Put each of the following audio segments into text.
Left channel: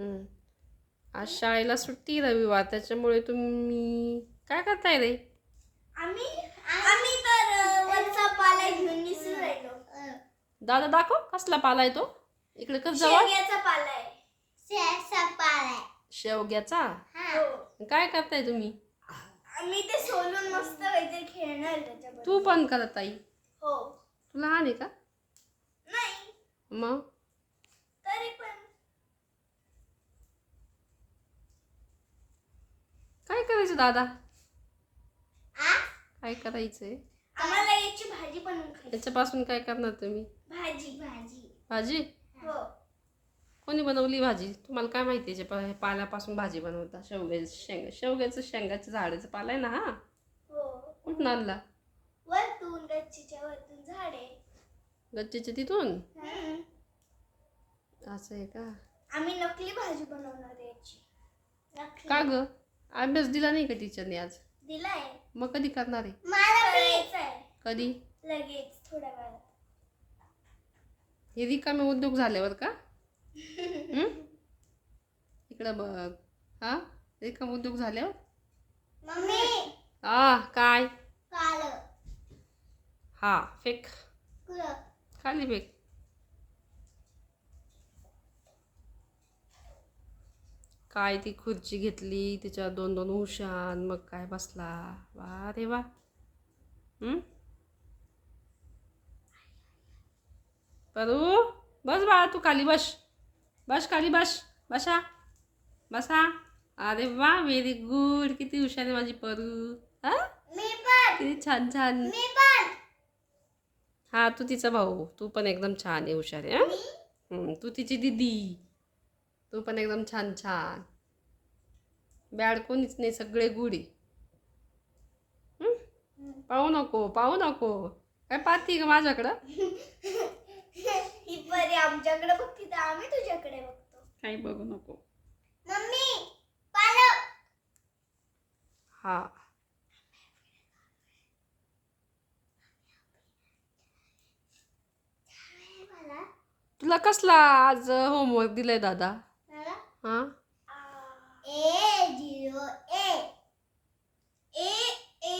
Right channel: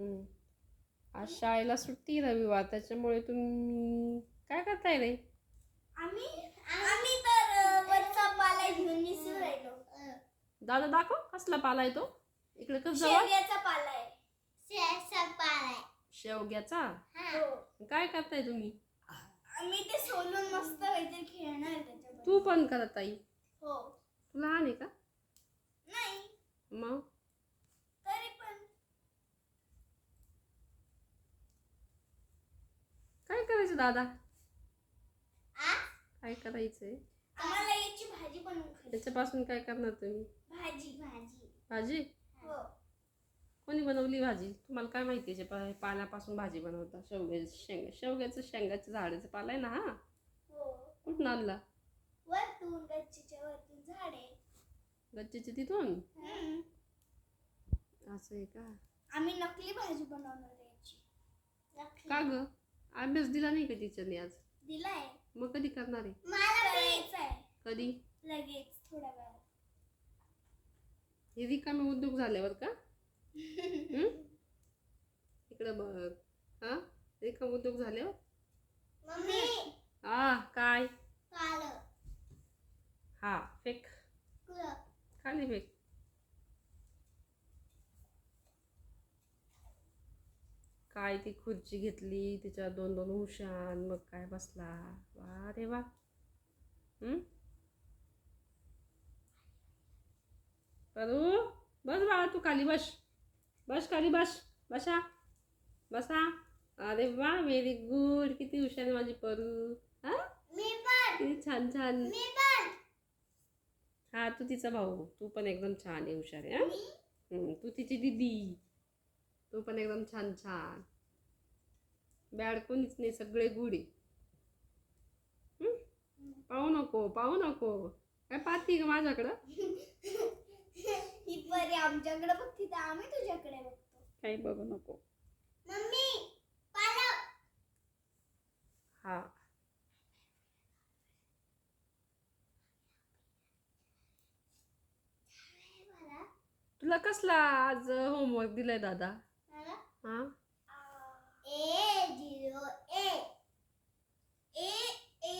हम्म. आज शाळेला सुट्टी रविवार, त्याच्यामुळे तुम्ही काय करताय रे? आम्ही आम्ही तर वरचा पाला घेऊन निसू राहिलो. दादा दाखव कसला पाला आहे तो. इकडे कस जवळ शेवग्याचा पाला आहे. शेवग्याचा पाला आहे. शेवग्याचा. हो. काय करताय तुम्ही? आम्ही ते सोलून मस्त काहीतरी खेळणार त्याच्याबरोबर. तू पण करत आई? हो. तू लहान आहे का? नाही. मग तरी पण काय करायचं दादा? काय करायचंय? आम्हाला याची भाजी बनवून खायची. याच्यापासून काय करणार तुम्ही? भाजी भाजी भाजी? हो. कोणी बनवली भाजी? तुम्हाला काय माहिती आहे पाल्यापासून भाजी बनवता? शेवग्याचं शेंगाचं झाडाचं पाला आहे ना हा? हो. कुठून आणला? वरतून गच्चीच्या वरतून झाडे. गच्चीच्या तिथून? असं आहे का? आम्ही नकली भाजी बनवणार आहे याची. का ग? अभ्यास दिला नाही का टीचरने आज? दिलाय. मग कधी करणार आहे? मला करायचंय. कधी? लगेच थोड्या वेळात. हे रिकामे उद्योग झाल्यावर का? इकडं बघ. हा, रिकामे उद्योग झाल्यावर? मम्मी काय? काल हा, फेक. खाली फेक. काय ती खुर्ची घेतली, त्याच्यावर 2-2 उशान, मग काय बसला. वा रे वा. परू बस बाळा, तू खाली बस. बस खाली बस. बसा बसा. अरे वा, व्हेरी गुड. किती हुशार आहे माझी परू. हा, मी पण. किती छान छान. मी पण. हा, तू तिचा भाऊ. तू पण एकदम छान आहे, हुशार आहे. तू तिची दीदी. तू पण एकदम छान छान. बॅड कोणीच नाही, सगळे गुड आहे. पाहू नको पाहू नको. काय पाहती का माझ्याकडं? ही परी आमच्याकडे बघती तर आम्ही तुझ्याकडे बघतो. काही बघू नको. मम्मी पालक. हा, तुला कसला आज होमवर्क दिलाय दादा? हा, A0 A A A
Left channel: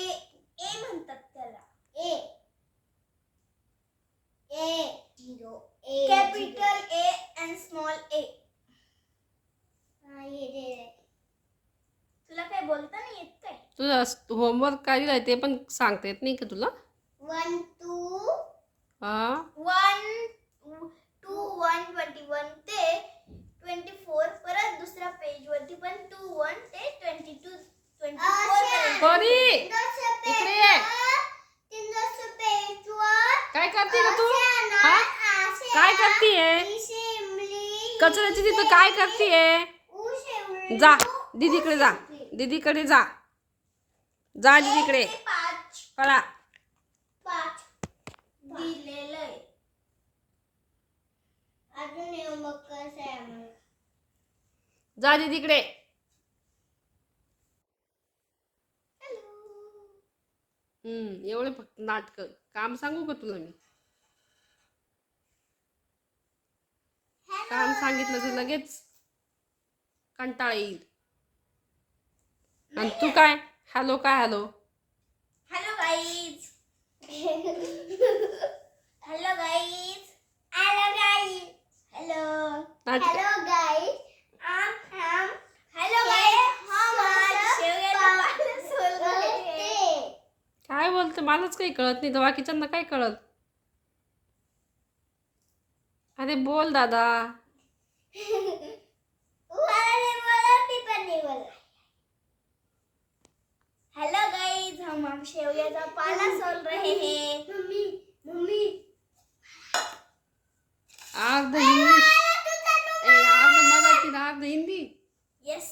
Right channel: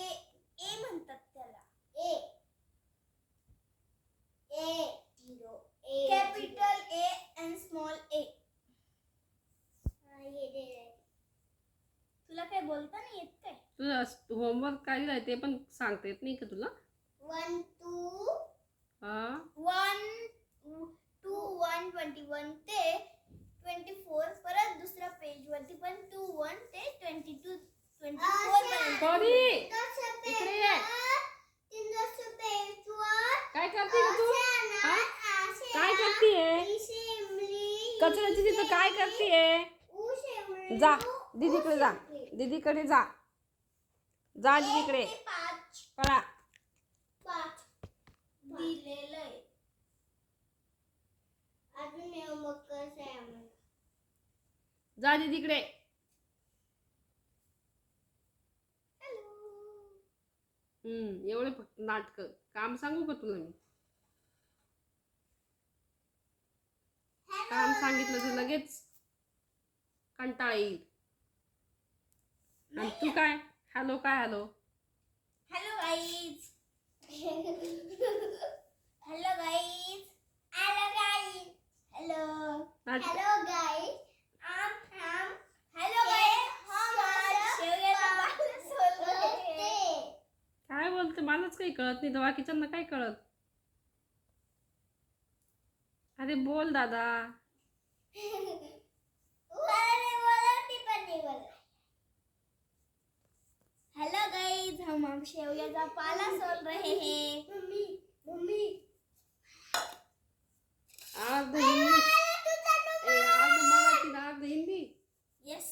A म्हणतात त्याला. A0 A capital A and small A. तुला काय बोलता नाही येत काय? तुझा होमवर्क काय दिलाय ते पण सांगता येत नाही का तुला? 1 2 हा, 1 2 1 21 ते 24. परत दुसऱ्या पेज वरती पण 2 1 ते 22 24 परी इकडे ये. काय करते का तू? हा, काय करतीये? कचऱ्याची तिथं काय करतीये? जा दीदीकडे जा. दीदीकडे जा. जा दीदीकडे. पळा. दिलेलं आहे. अजून होमवर्क कसं आहे आम्हाला? जा दीदीकडे. एवढे फक्त नाटक. काम सांगू का तुला मी? काम सांगितलं तर लगेच कंटाळा येईल. आणि तू काय हॅलो काय hello? Hello guys. Hello guys. Hello guys. Hello hello guys. Hello guys. काय बोलते? मलाच काही कळत नाही, तर बाकीच्यांना काय कळत? अरे बोल दादा. हेलो गाइस, हम शेवग्याचा पाला सोल रहे हैं. मम्मी मम्मी अर्ध इंग्लिश, अर्ध मराठी, अर्ध हिंदी. यस.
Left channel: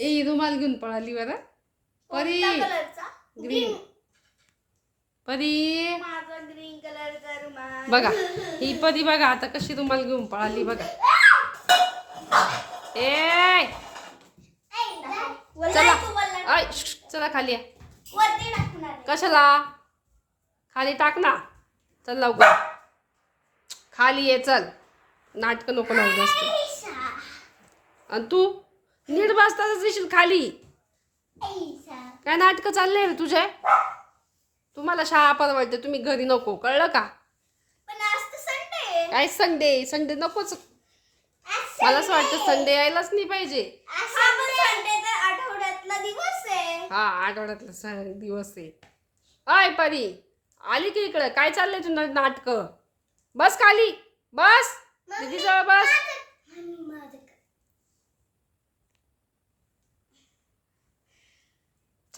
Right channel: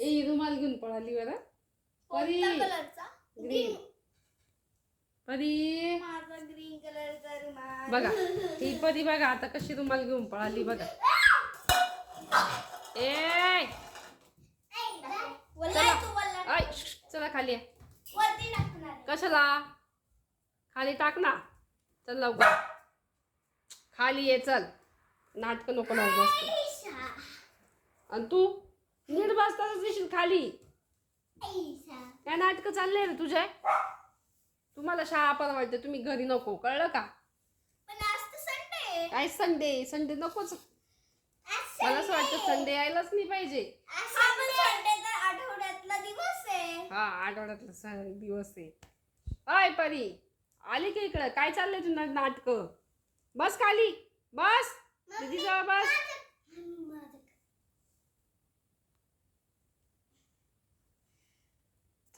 ए रुमाल घेऊन पळाली बरं. परी कलरचा ग्रीन. परी माझा ग्रीन कलरचा रुमाल बघा, ही परी बघा आता कशी रुमाल घेऊन पळाली बघा. ए चला, ऐ चला खाली या. वरती टाकणार. कशाला? खाली टाक ना. चल लवकर खाली ये. चल, नाटक नको लावू जास्त. आणि तू नीट बसताच दिशील खाली. काय नाटकं चालले रे तुझे? तुम्हाला शाळा परवडते, तुम्ही घरी नको, कळलं का? पण आज तर संडे. काय संडे? संडे नकोच. मला असं वाटतं संडे यायलाच नाही पाहिजे. संडे तर आठवड्यातला दिवस आहे. हा, आठवड्यातला दिवस आहे. अय परी, आली की इकडं? काय चाललंय तुझं नाटक? बस खाली, बस दीदी जवळ बस.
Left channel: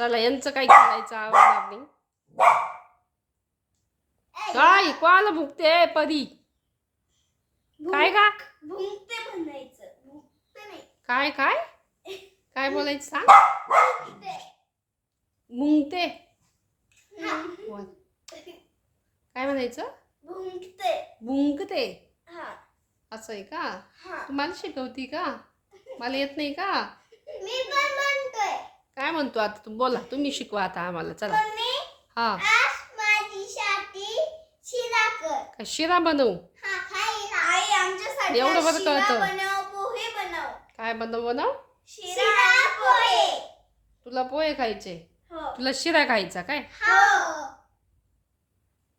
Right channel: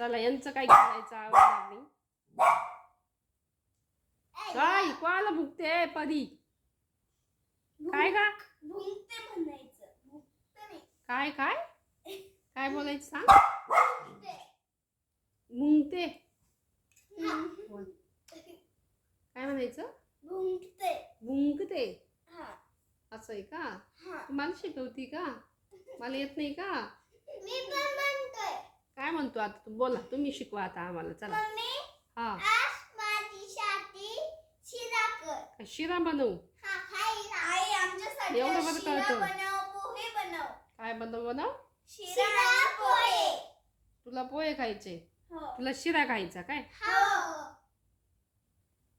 चला, यांचं काय करायचं आवडणार नाही. काय कोणाला भुकते परी? काय का? भुंकते म्हणायचं, भुंकते नाही. काय काय काय बोलायचं सांग. भुंकते. मुंगते हा. काय म्हणायचं? भुंकते. बुंकते. हा. असं आहे का? हा. तू मला शिकवती का? मला येत नाही का? मी पण म्हणतोय. काय म्हणतो आता तू? बोला, तुम्ही शिकवा आता आम्हाला. चला. मम्मी, हा, आज माझ्यासाठी शिरा कर. काय शिरा बनवू? हा, आई आमच्यासाठी एवढं बरं शिरा कळतं. बनव, पोहे बनव. काय बनव? शिरा पोहे. तुला पोहे खायचे? हो. तुला शिरा खायचा काय? हो.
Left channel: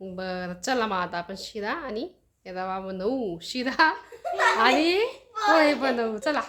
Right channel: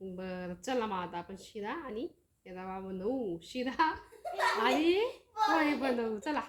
बरं, चला मग आता आपण शिरा आणि रवा बनवू. शिरा आणि पोहे बनवू. चला.